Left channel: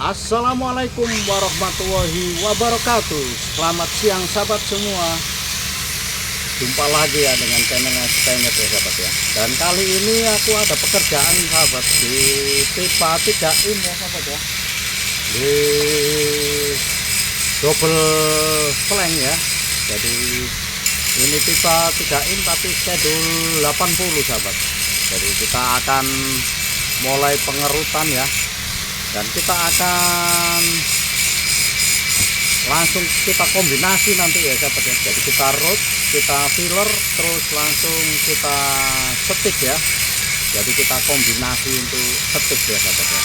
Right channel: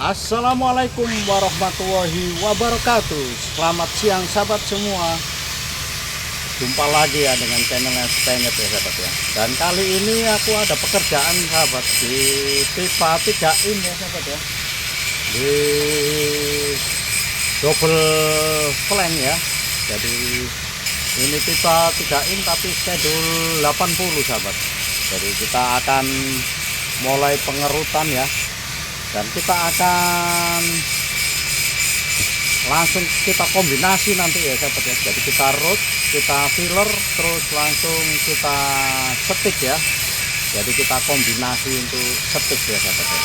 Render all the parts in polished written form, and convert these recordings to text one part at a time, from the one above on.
Assalamualaikum warahmatullahi wabarakatuh. Selamat siang sahabat semua. Jumpa lagi ya dengan channelnya Stenyet ya sahabat ya. Dan kali ini aku ada pekerjaan sahabat di pipa 3 in ya sahabat ya. Di double flank ya. Jadi ini pipa 3 in tapi schedule 80 sahabat. Jadi kita akan mulai pengerutan ya. Dan kita akan langsung kita kombinasi nanti ya sahabat ya. Jadi kita root, kita filler, terus langsung kita setik ya. Jadi kita kombinasi untuk setik ya sahabat ya.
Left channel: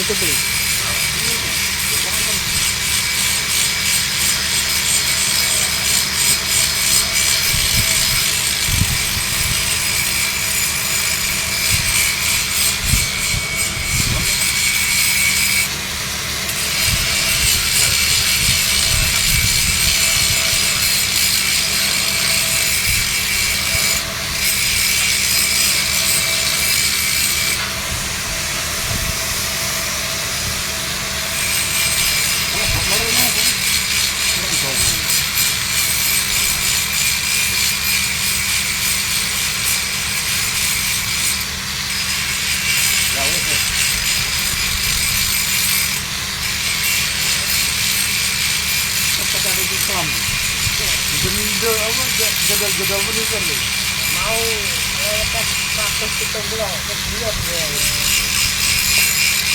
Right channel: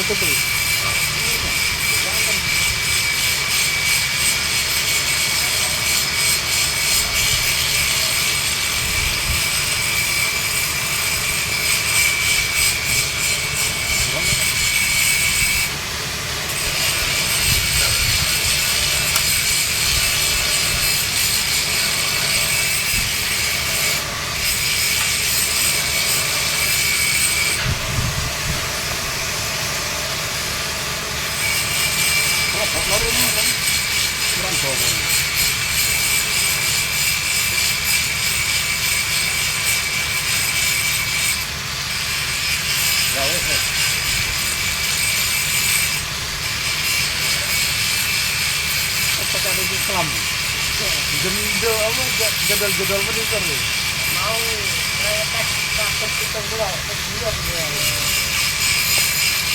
Itu beli. Ada di Islam. Jendel apa jadal-jadal menikah nih. Mau lepas 170 kemudian dia.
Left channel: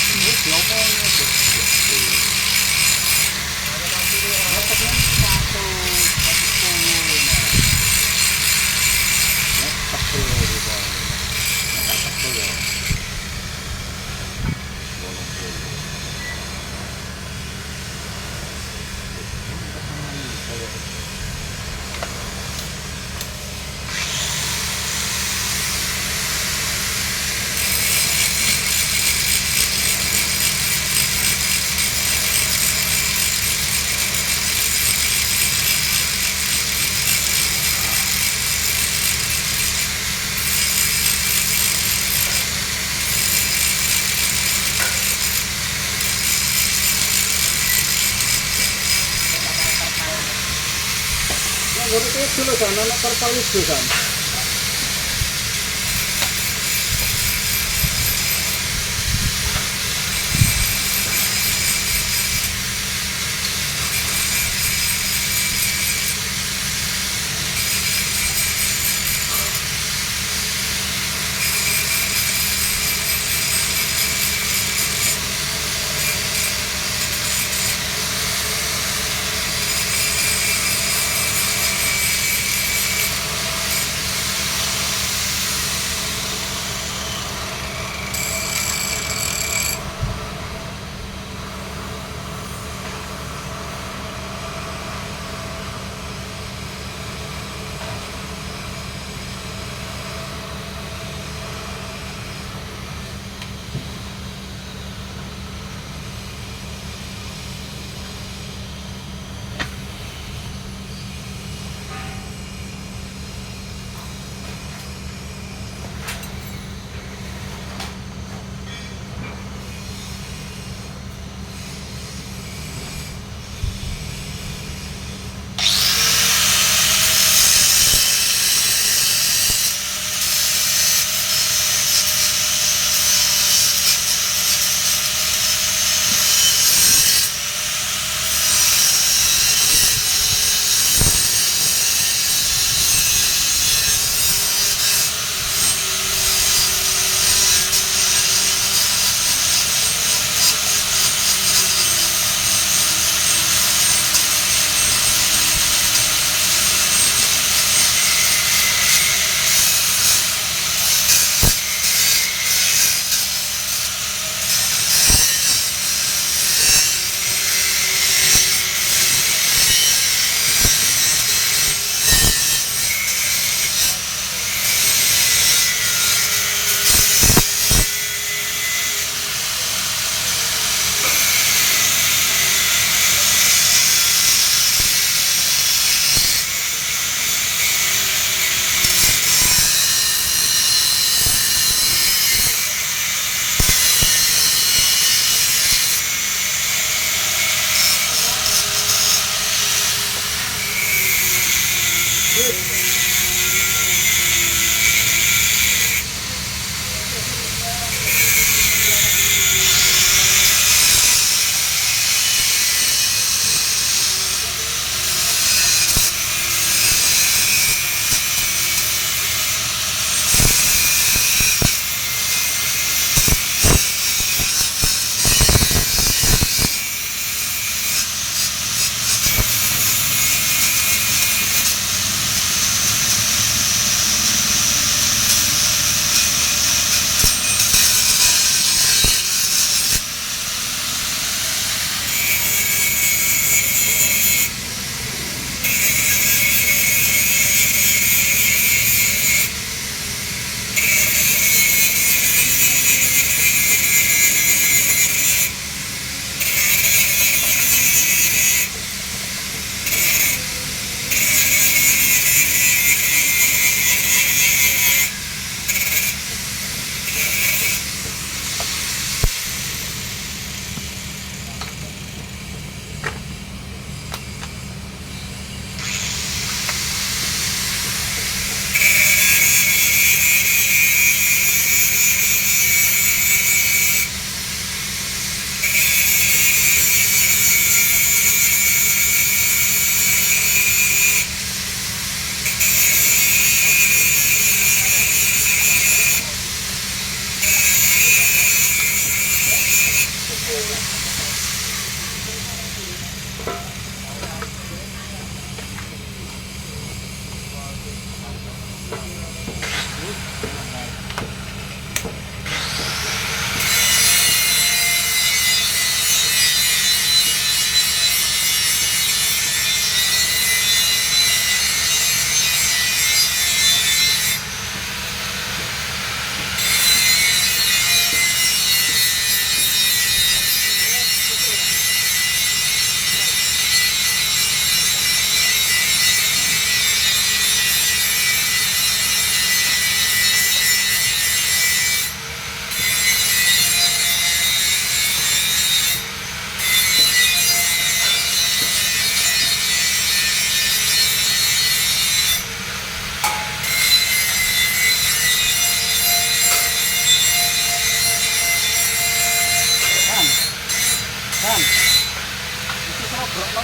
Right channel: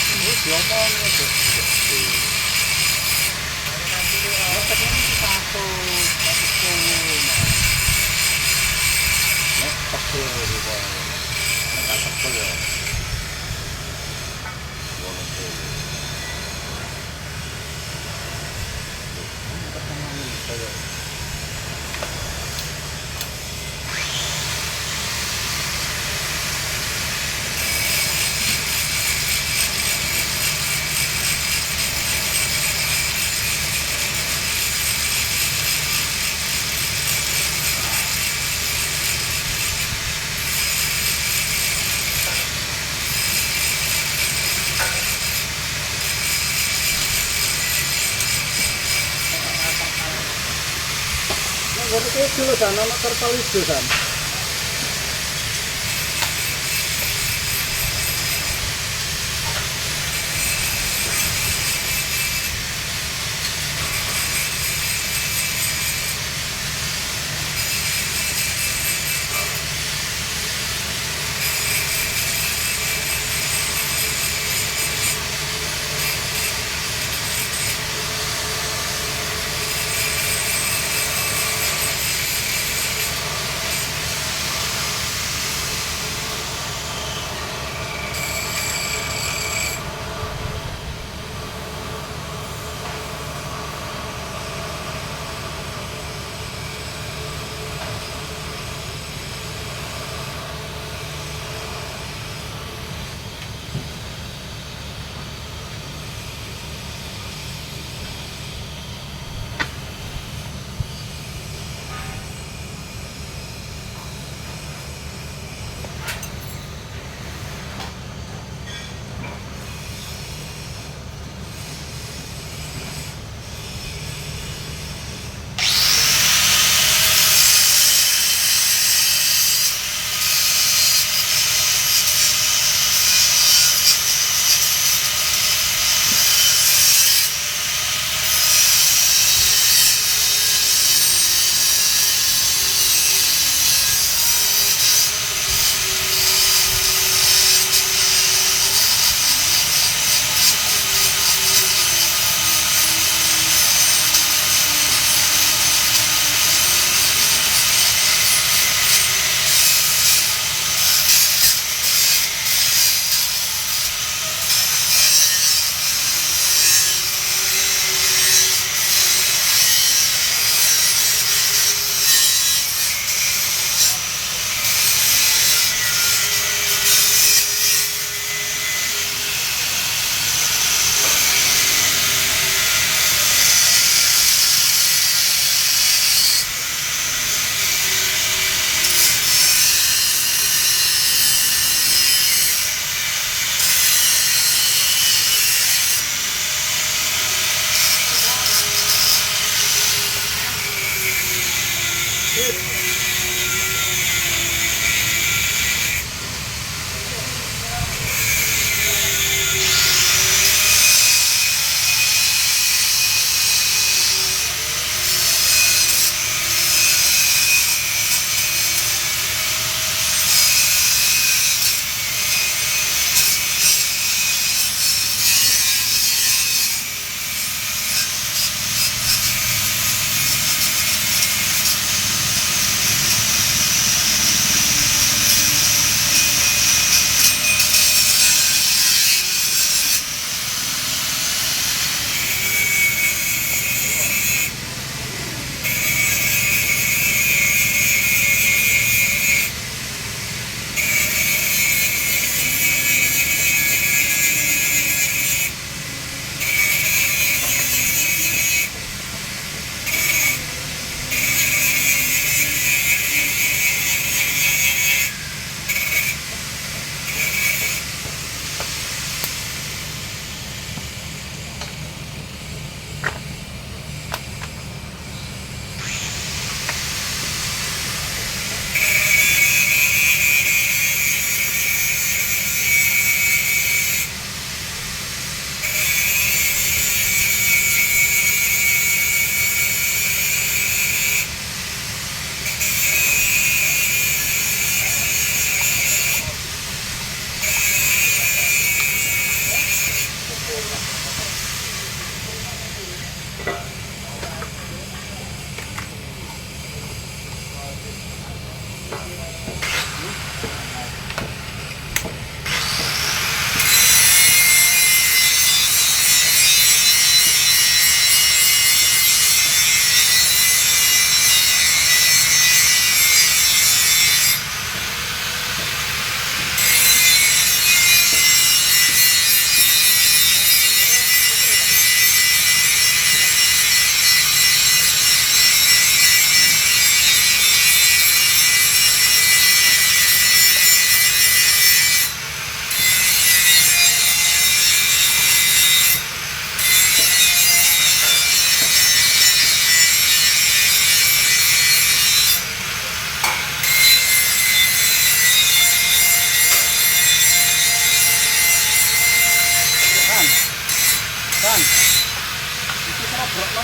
Terus diomongnya tuh. Ada nanti dapatnya 110 nah. Nek tebel di bawah. Nek tebel ya. Bolong dulu. Ngurutnya dulu kan, anak terpal itu kan.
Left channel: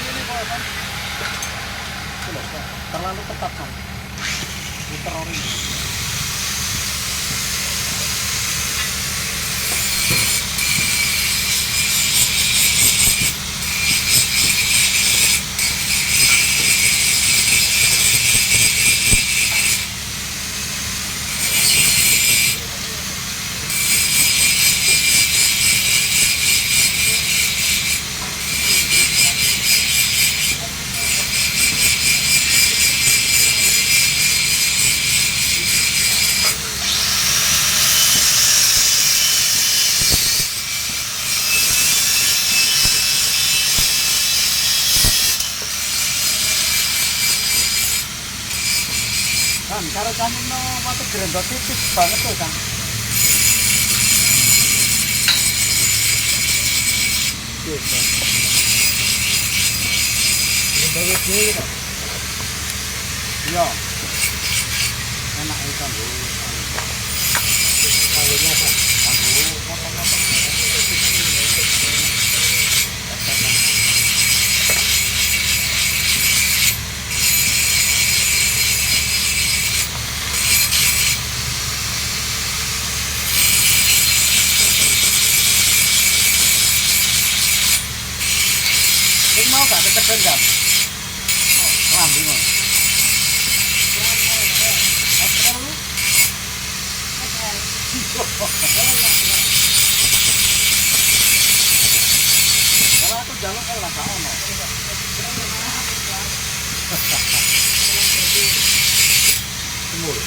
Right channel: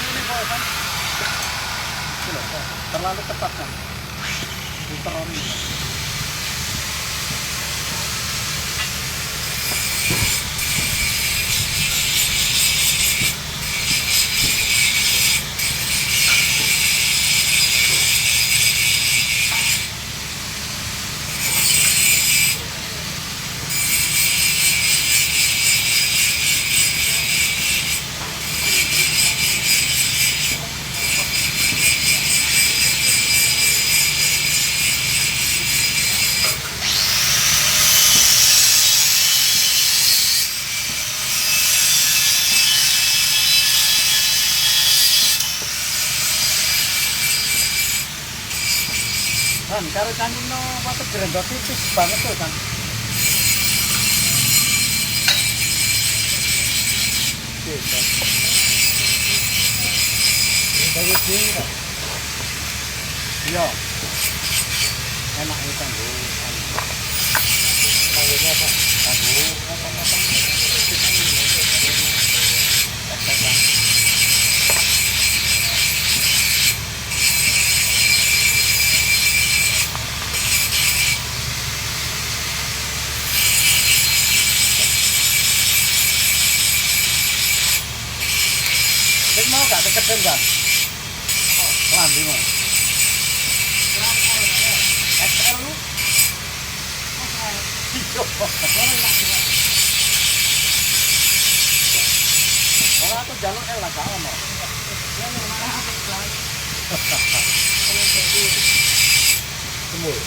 yang ini kok kan. Itu loh, terlalu ketat kan. Diterorin. Kan, karena kan no waktu gerendot tipis banget tuh kan. Ini banyak nih kan. Iya. Enak itu kan bu. Kayaknya kan. Kan bu, potong-potong. Kau mau gak deket jam? Lambi mau. XL lu? Kalau aku jalur L lah gak ono. Semur.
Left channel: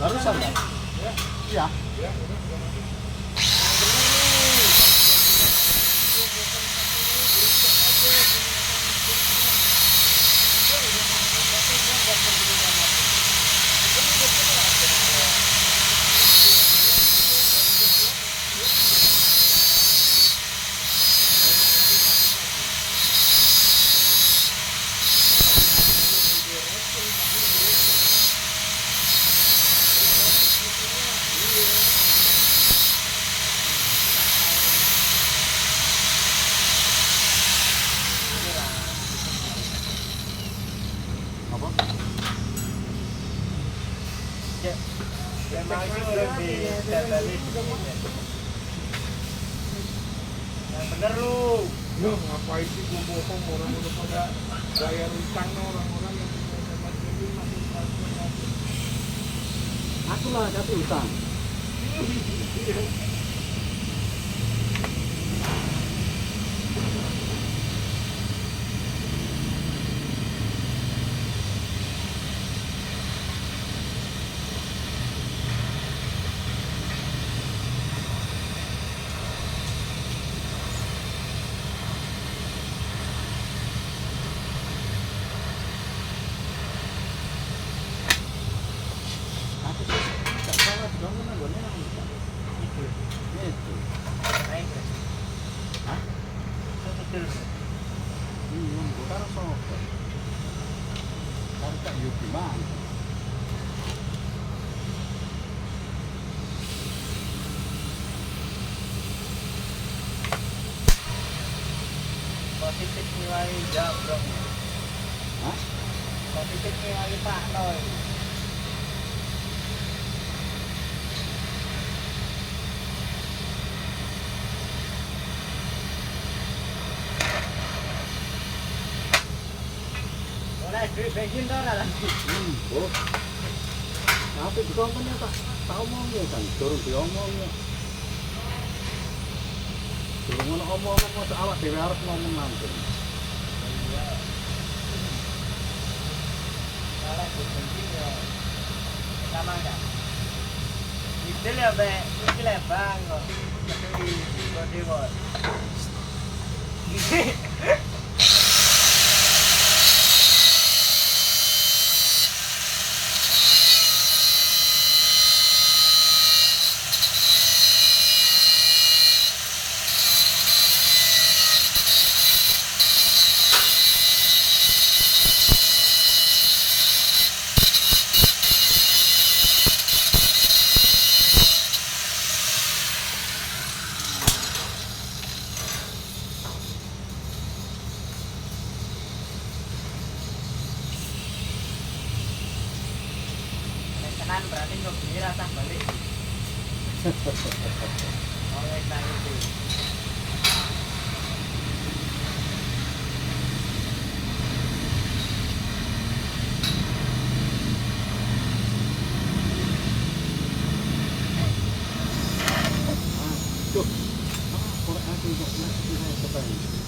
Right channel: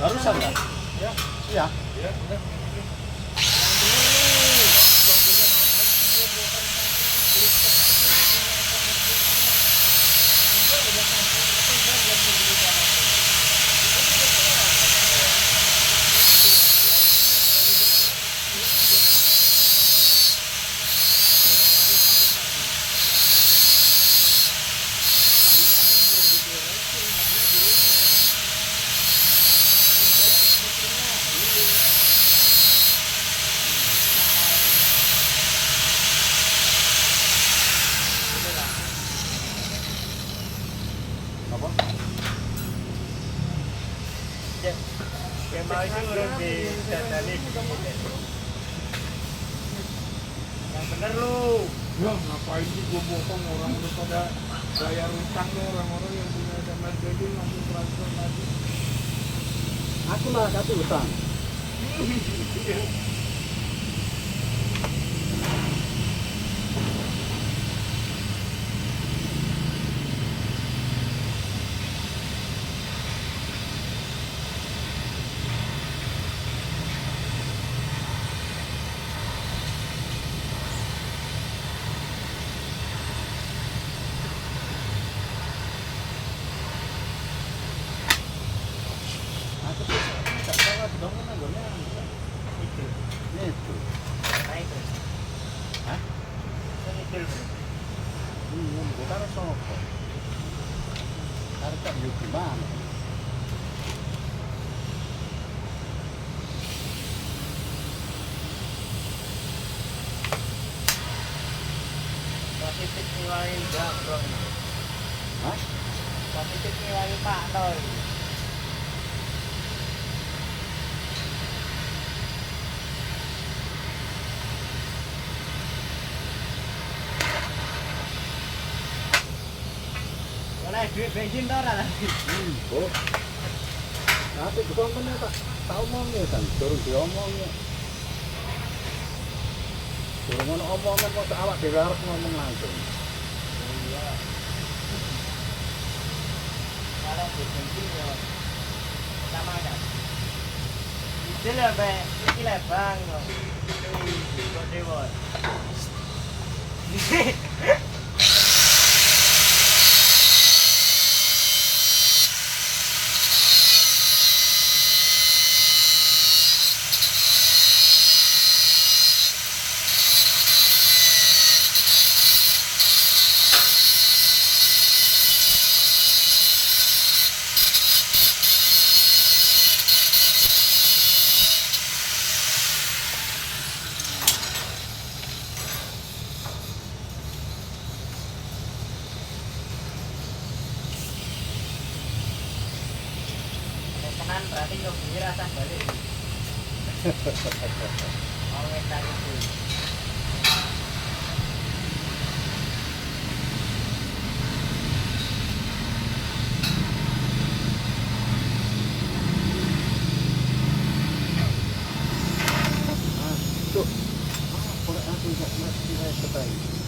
Barusan kan? Iya. Apa? Ya, memang itu orang di dadali. Yang bener lu. Ya ngapain sih gua bohong orang udah pada bayar utang tuh orang-orang yang punya internet jadi langsung transfer aja. Aku lah kasih utang. Aku tuh nggak salah dong nanggonya Itu. itu. Naik. Hah? Itu. Bingung, gua karo sopo. Karo tak yuk gimana? Positif nilai jabrong. Hah? Positif nilai Pak Roy. Boleh duit bensin tau nggak nanti? Oh. Tapi dikontennya tak omongnya kan, turun diomongnya. Turun ngono omongnya kok awak dhewe arep ngomong langsung. Kalau duit bensin ya sama nggak? Itu lah be, itu lah bang kok. Itu kode bos. Kanan berarti nggak beli rasa balik. Awet dan itu. Ah, tuh. Ah, korek aku kok masih saya ketemu.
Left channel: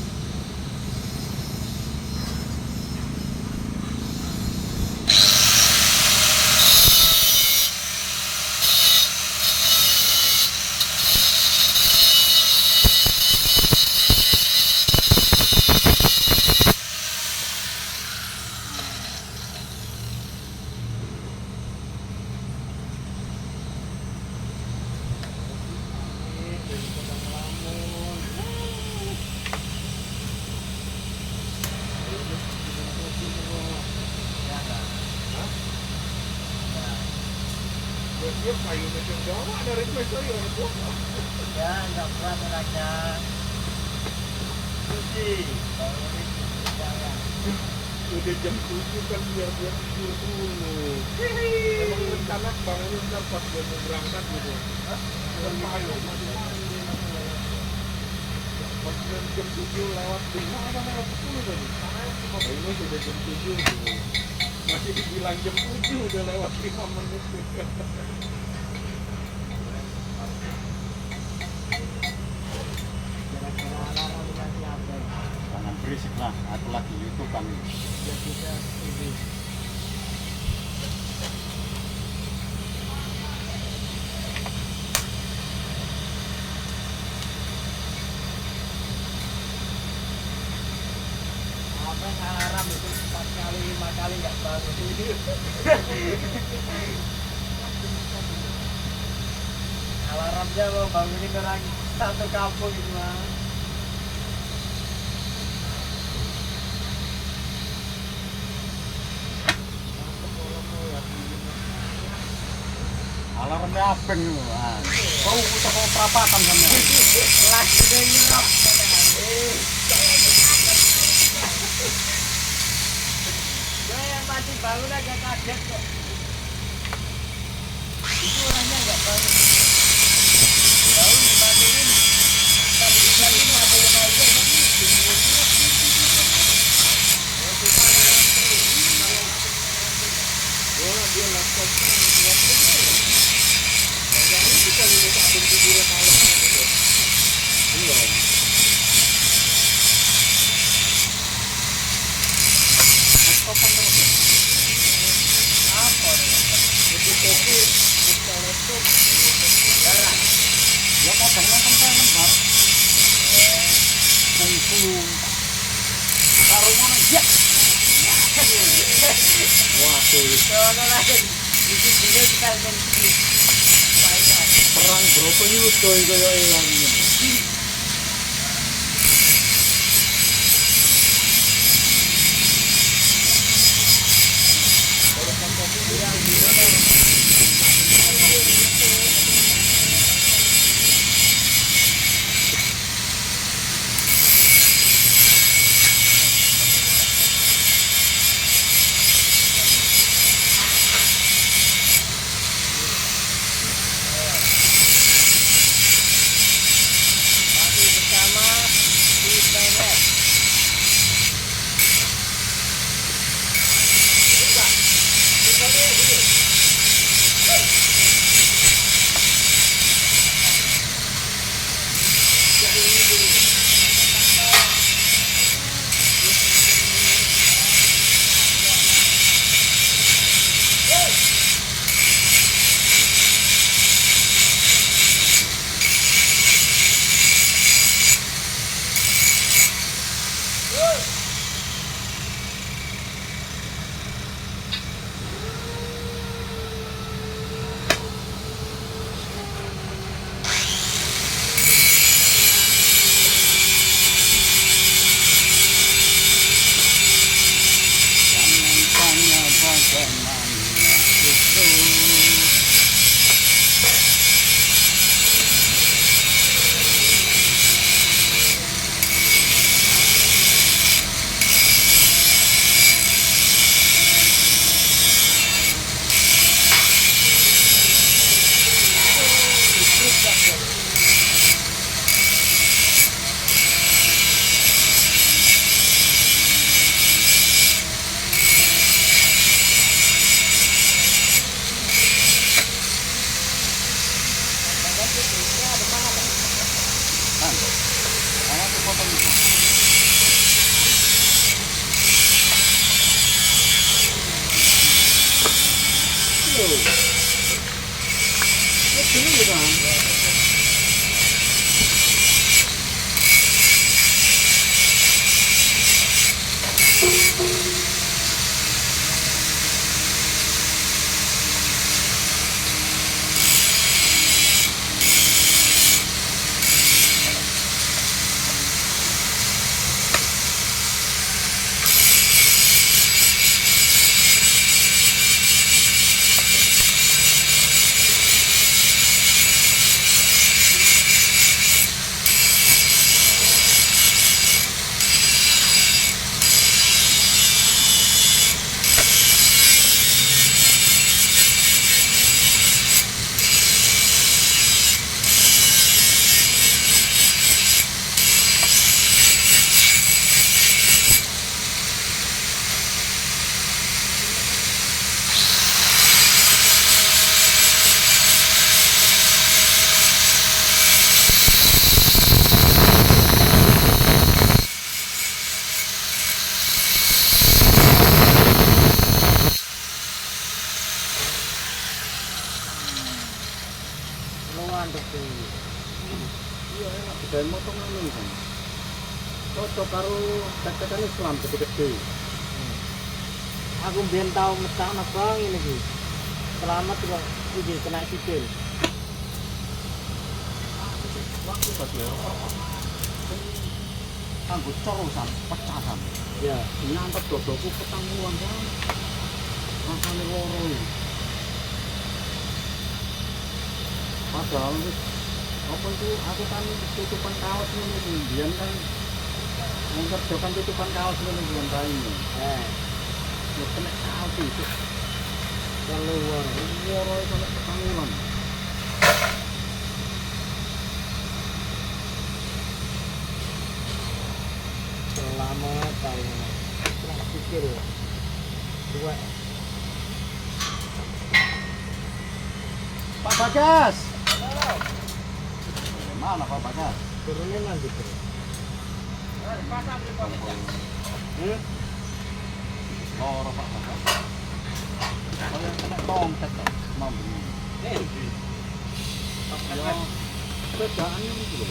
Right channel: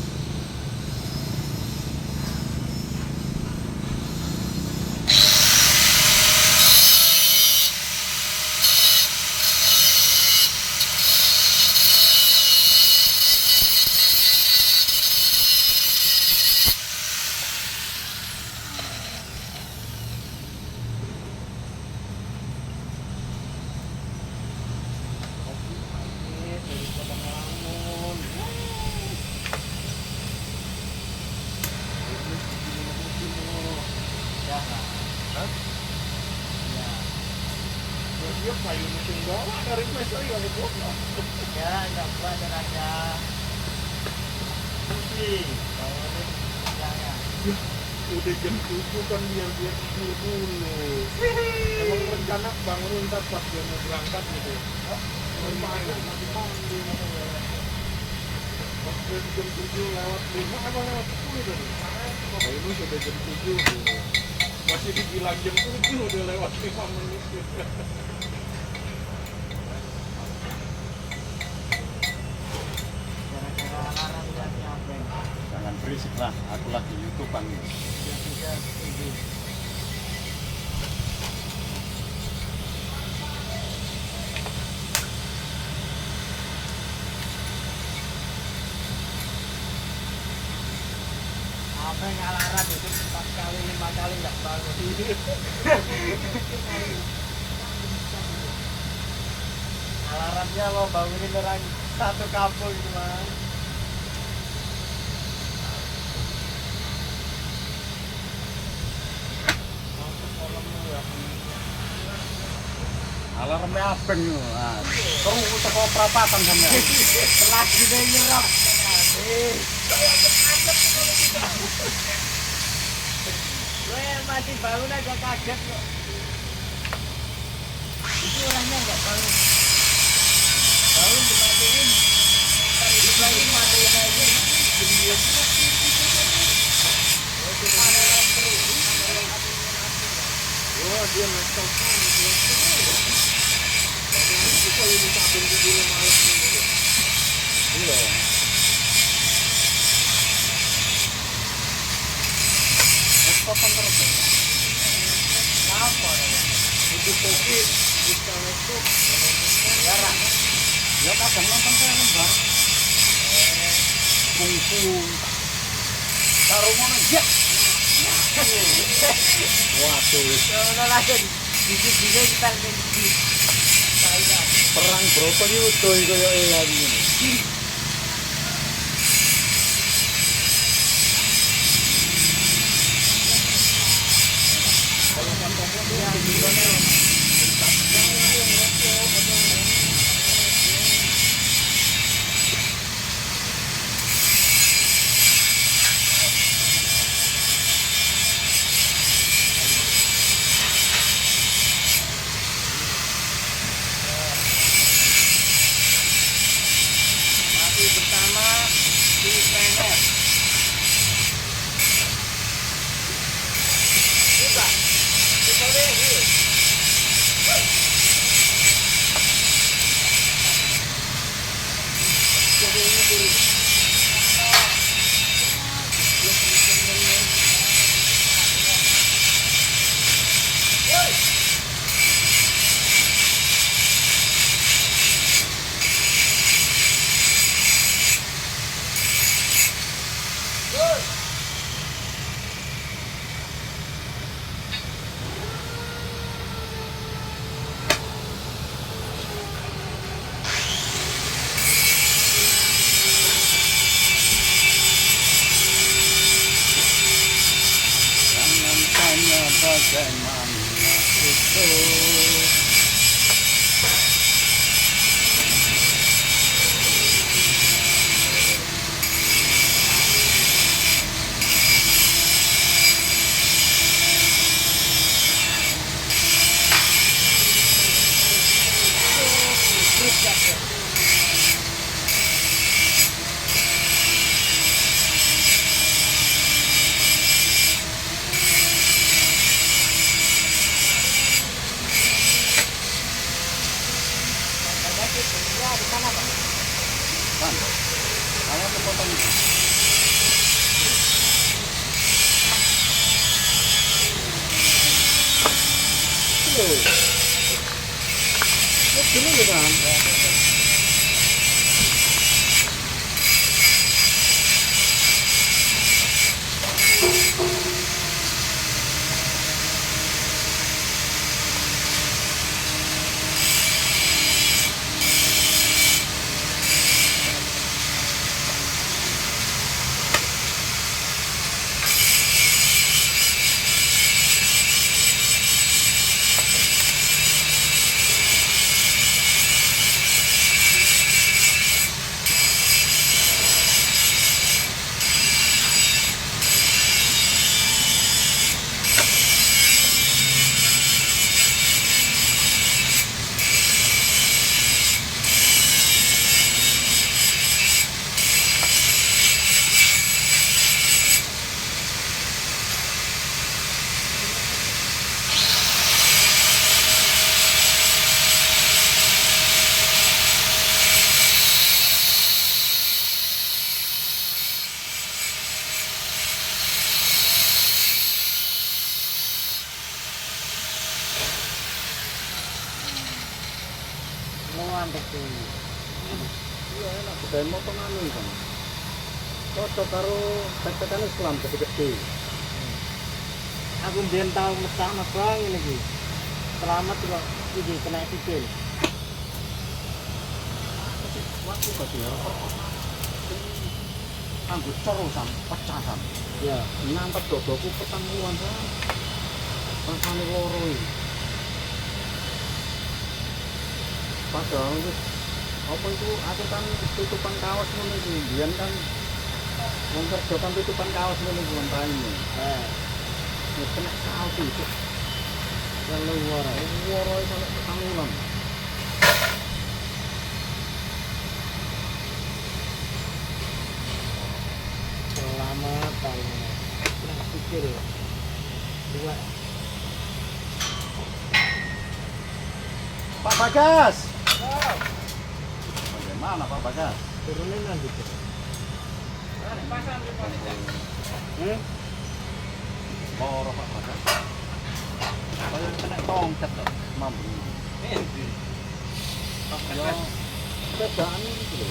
Dia kayu mesin bawah dari mesin ya itu. Ya, nggak pernah sengaja. Puji. Kalau ini jangan. Udah jam 7 kan biar dia tidur dulu. Emang rencana bangun ntar pas dia mau berangkat gitu. Gimana? Jam 7 lewat 5 apa lewat 10 tadi? Nah ini sudah jam 7 gitu. Masih dibilang jam 7 udah lewat 5 menit. Jangan berisik lah, aku lagi YouTubean nih. Apa ngarang itu 4 kali 5 kali nggak bangun. Alarmnya mau bangunin orang satu kampung gitu kan. Alarmnya abeng yo. Ah, kau toko perapatan sampean. Kelas juga nyerap. Gue pasti bangun aja kaget kok. Itu orangnya nggak bangun. Bangun dimatiin. Tadi lagi matiin aja. Orang dia laptopnya, jadi kita ini tak benci dia malam itu. Iya. Laptopan terus. Apa? Itu kopi, buka laptop, Jarang. Ya kadang nonton film bareng. Kungfu. Karo ngono ya. Waduh, Kalau langsung video kita ganti. perang brokoli udah kaya elang ngene. Masih bersama di planet. Jangan tanya bagaimana itu. Kan, kamu tuh potong itu. Loh. Ini gini ya kan? Ngantuk tuh. Iya enak, kedain motong anu kan. Cocok karo tetekan Islam gede-gede. Aku biar tahu mesakna bang ini sih. Selamat kok ini kena sikil. Waktu pas ya, anggo corosan, pecahan. Ya. Nyantet dodoku petang puluhan kan. Rasane loro iki. Padahal wis apa itu aku kan tutupan kaos ngono iki. Biyen kan wong kerja kan tutupan kaos ngono bulan raine. Mboten alti itu. Kalau waro itu ketangunan. Selamat tahun. Pernah pikir dua. Pak Bagas. Bagaimana Pak Bagas? Turunin nanti tuh. Loro Pak Bagas. Oh yang kena tongkat toh, mampu. Ya, sepedaan itu loh.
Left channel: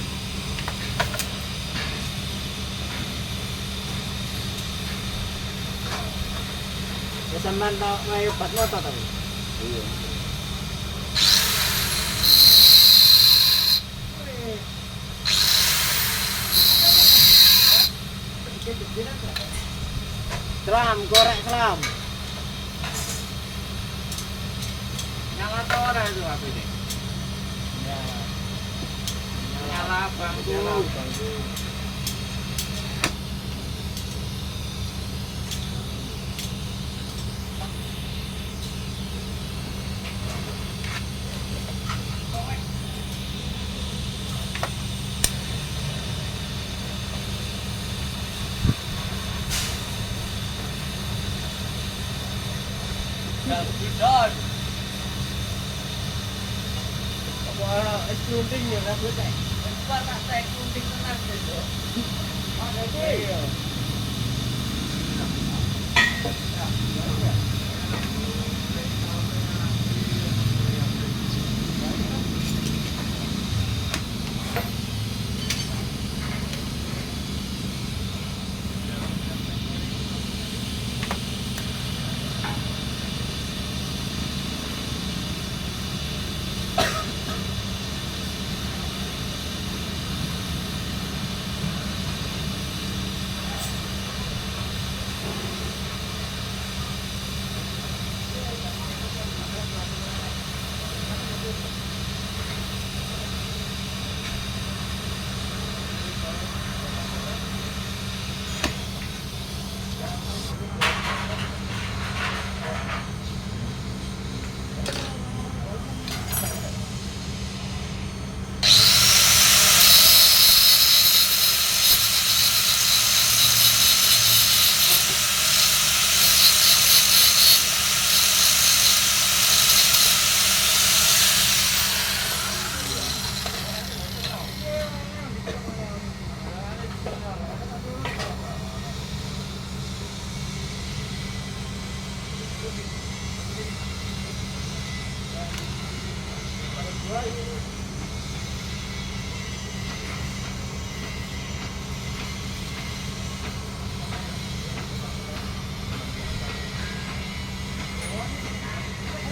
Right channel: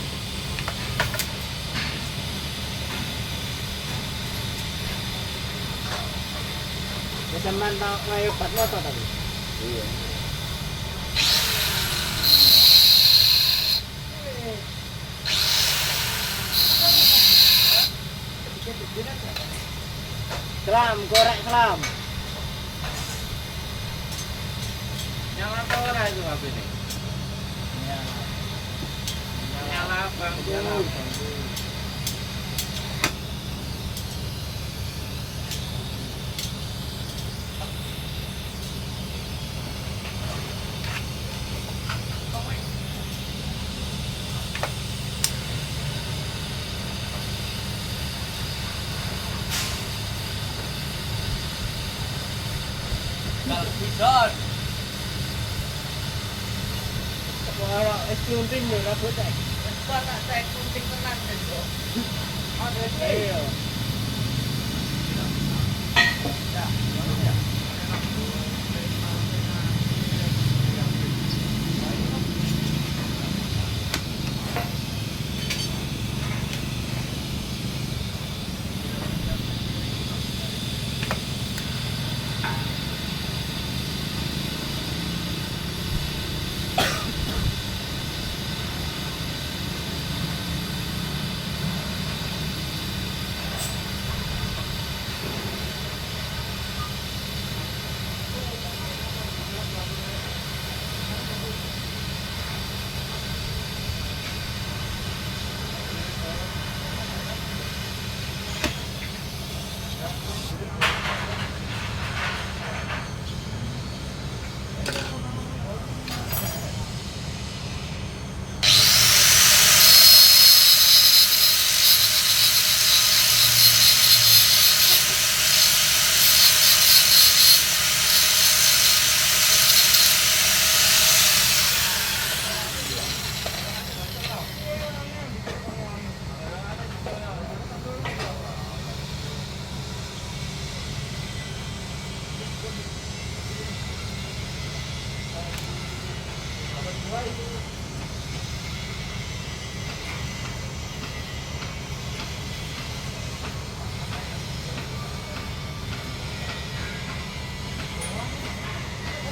Kesamaan tak ngayu bat motor tapi. Iya. Selam, korek selam. Nyala tahu orang itu apa ini? Nyala. Nyala bangku. Nyala bangku. Tidak. Kalau sunting ya nak buat. Kalau nak saya sunting mana tu? Ada dia.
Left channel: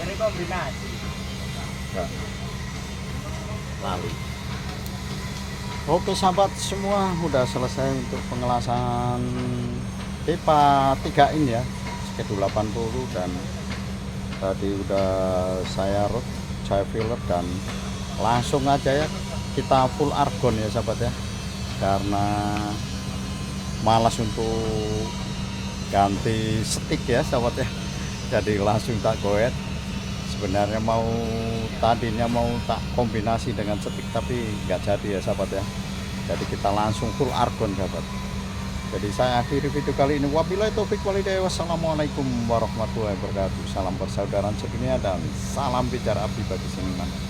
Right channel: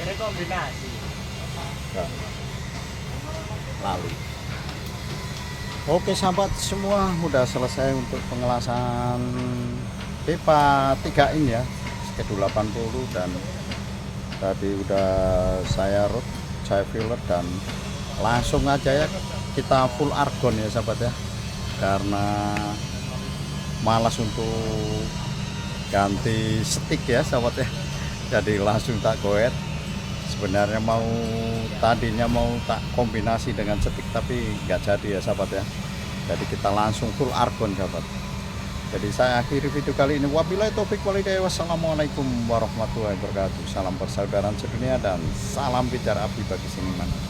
Ini kombinasi. Enggak. Lali. Oke sahabat semua, udah selesai untuk pengelasan pipa 3 in ya, skedul 80, dan tadi udah saya root, saya filler, dan langsung aja ya kita full argon ya sahabat ya, karena malas untuk ganti setik ya sahabat ya, jadi langsung tak goet. Sebenarnya tadinya mau tak kombinasi dengan setik, tapi nggak jadi ya sahabat ya, jadi kita langsung full argon sahabat. Jadi saya akhiri video kali ini. Wabillahi taufik walhidayah. Wassalamualaikum warahmatullahi wabarakatuh. Salam persaudaraan sedunia dan salam bicara api bagi seniman.